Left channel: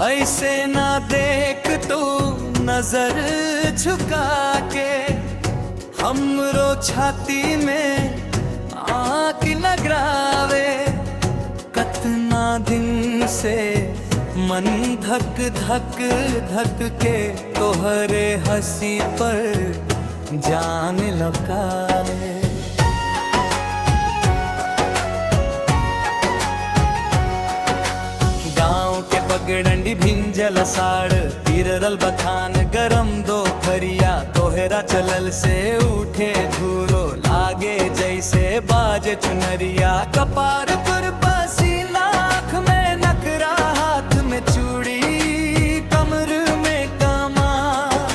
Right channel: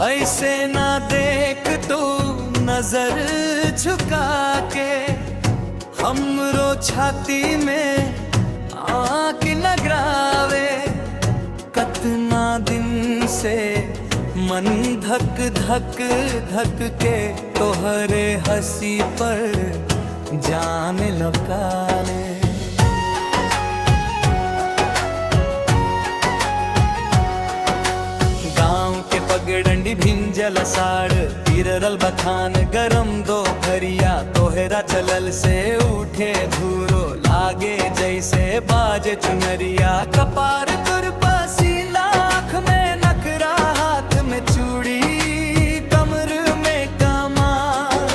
ऐसे ना देख तू नजर झुका के, हमरो छाती में आँख नगरावे। कतना दिन से मन धक धक धक के तोहरे हंसी पर जान लौकाले। गाँव के पगडंडी भिंजल साड़ तिरल बखान गरम दो फरिया, तोहरा चलल से उठे धूरो लागे जैसे बाजे चुनरिया। कपार पर पसीना, आँख में नखरा, हाथ में चूड़ी, कमर में कमाल।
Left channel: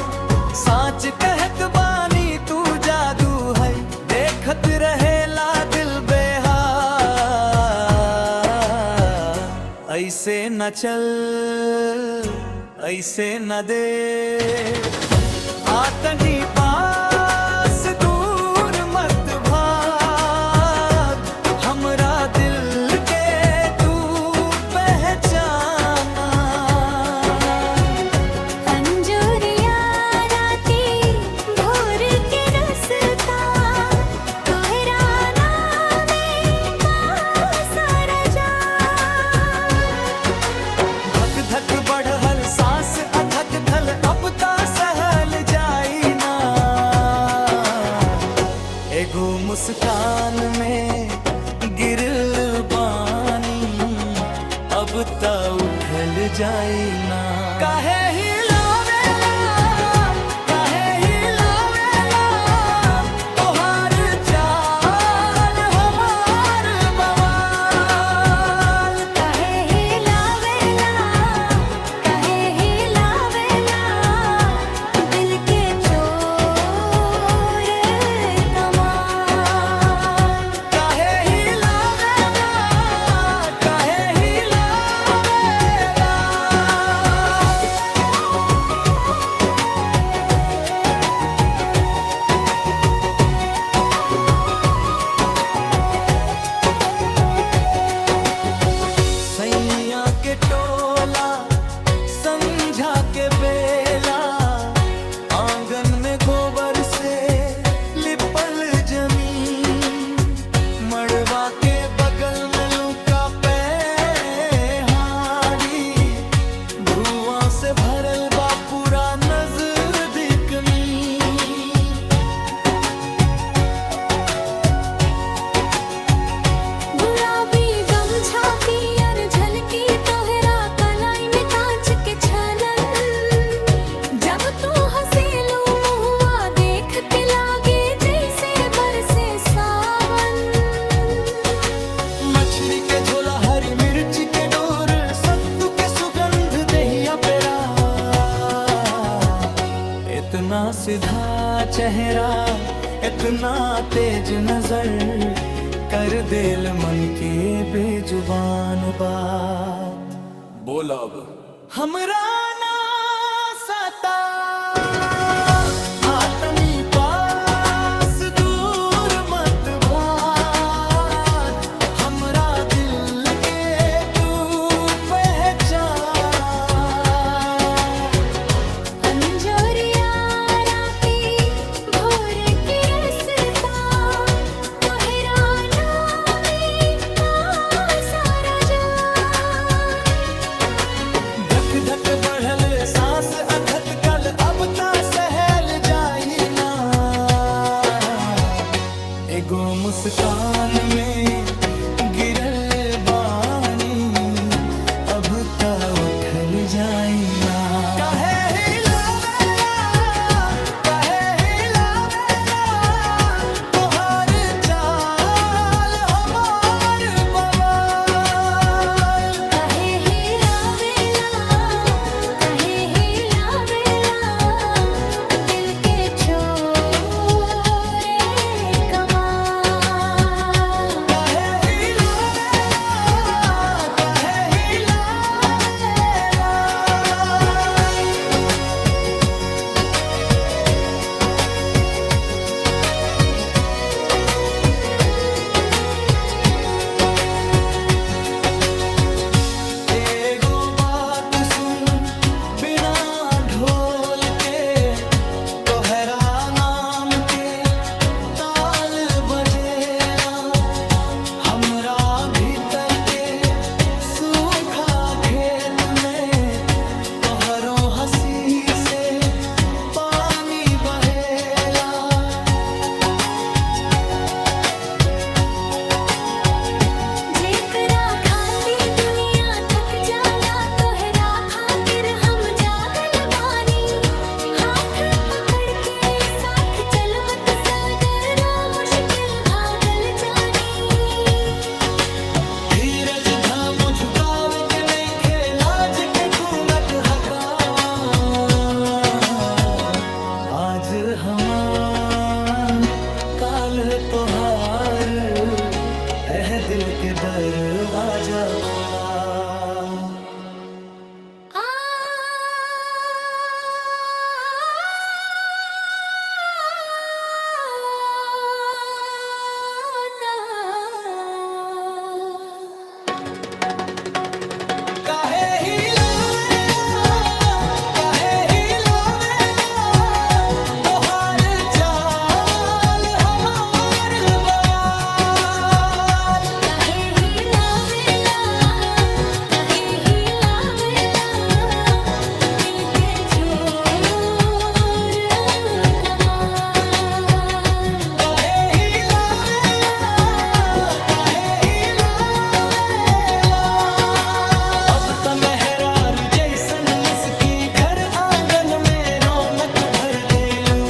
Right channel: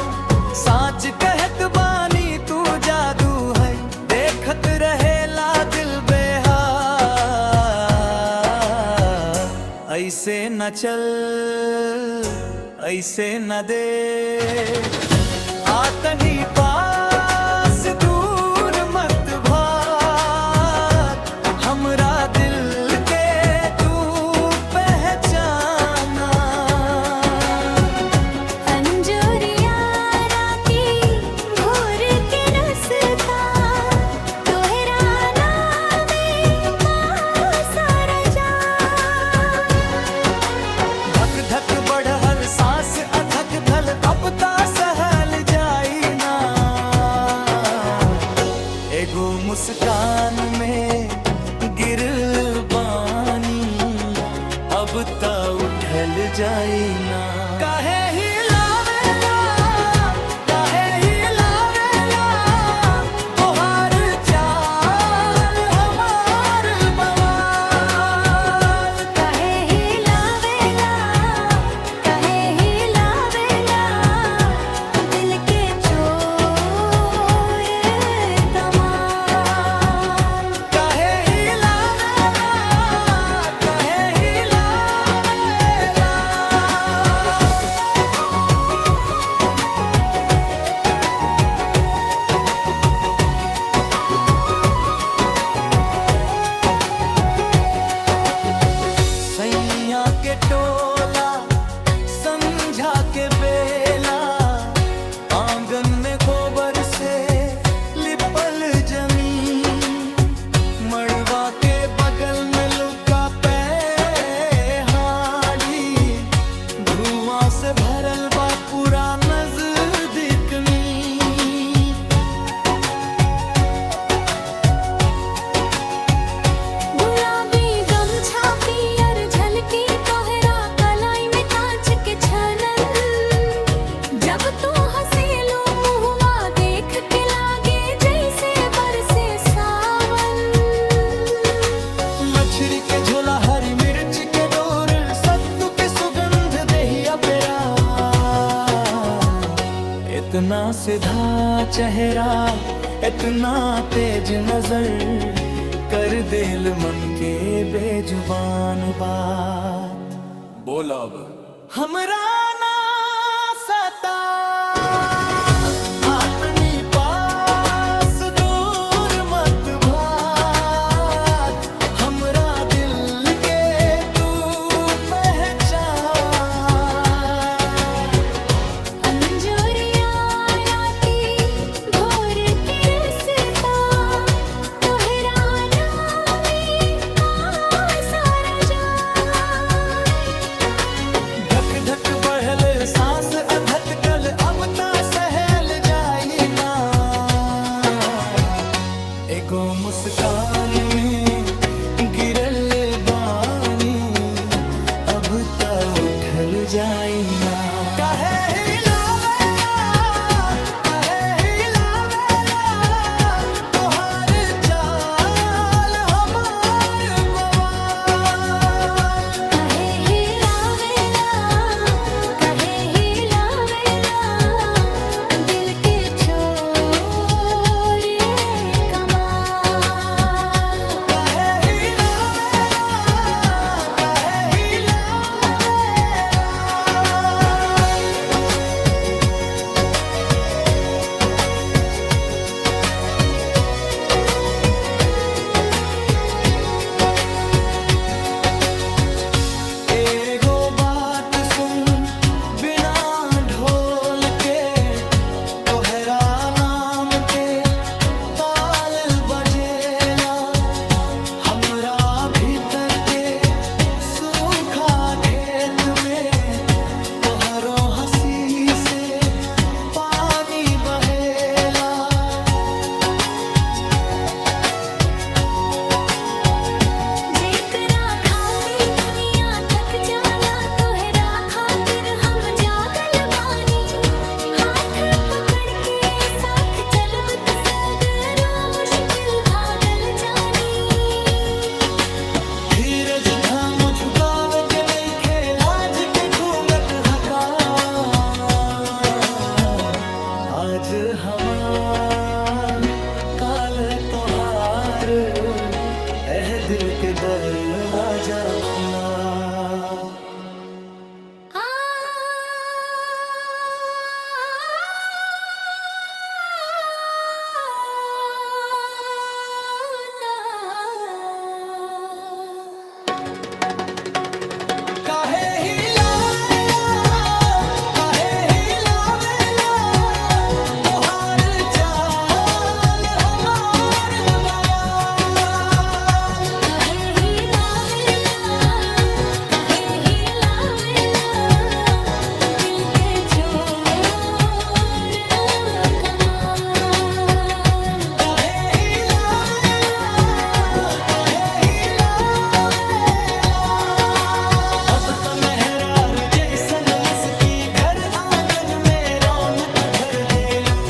साच कहत बानी तू जादू है, देखत रहेला दिल बेहाल। ऐसे न चल, ऐसे न दे, आतनी पास दूर मत भाग। हमरा दिल के तू पहचाना। अंजोरिया राती भोर के रसता, तोहरा नामे सारा जान। धक धक बढ़ल सांस अधक धल, अब ता सहल जाई ना। एगो मुस्कान में गिरल बानी, अब ता उठल जाई ना। काहे हिलावेला, काहे हिलावेला, तोहार चाल हमार बवाल। काहे हिलावेला, काहे हिलावेला, दिल के चोर कमाल। काहे हिलावेला, काहे हिलावेला। सैया के टोला, संझा के बेला, आंगन में गोबर से लिपल जमीन। मड़वा के बगल में लुका पेहाड़ी, धुआं से भरल बा पूरा नजदीकनी। गुलाबी गमछा पियर झलकी, तोहरा कलाई में कांच के छलन। जब तू हंसेलो मुहवा देख के लागे जैसे बरसे सावन। मछली के झोला, हरी मिर्च के डोर, सत्तू के सुगंध दहिया पेरा। इतना सीधा चेहरा, इतना तेज नजर, कर दिल मन के बेजुबान बात। बोल अब हमरा ना सता, आतनी पास दूर मत भाग। हमरा दिल के तू पहचान। अंजोरिया राती भोर के रसता, तोहरा नामे सारा जान। धक धक बढ़ल सांस अधत कल, अब ता सहल जाई ना। एगो मुस्कान में गिरल बानी, अब ता उठल जाई ना। काहे हिलावेला, काहे हिलावेला, तोहार चाल हमार बवाल। काहे हिलावेला, काहे हिलावेला, दिल के चोर कमाल। काहे हिलावेला, काहे हिलावेला। हंसी से पानी बहेला। जेकरा खाती दुनिया थक जाला तोहरा खातिर हम जागल बानी। हाथ पकड़ के साथ चलब त सगरो मुश्किल भागल जानी। धीरज धम झुकावे के नहीं खेलाज के घूंघट हका। आज हमार काल तोहार, एह दिल के दरवाजा खुला। आ ना काहे ही लावेला, काहे ही लावेला तोहार चाल हमार बवाल। काहे ही लावेला, काहे ही लावेला दिल के चोर कमाल। काहे ही लावेला, काहे ही लावेला। अब त मेहरारू जैसन मुस्की घर आंगन में रौनक भर देलू।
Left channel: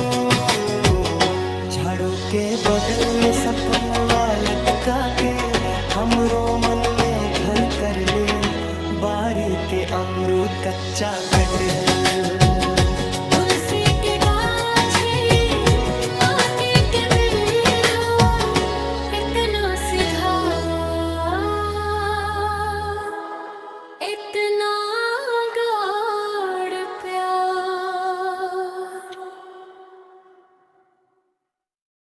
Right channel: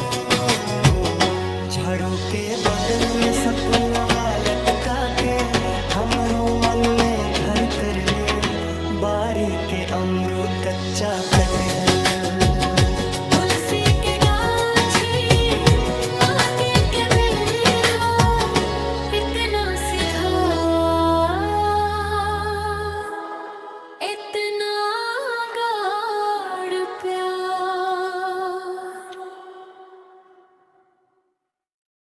झाड़ू के बगल में सपनवा लटका के हमरो मन में घर कर ले। बारी के अमरूद कच्चा कटहल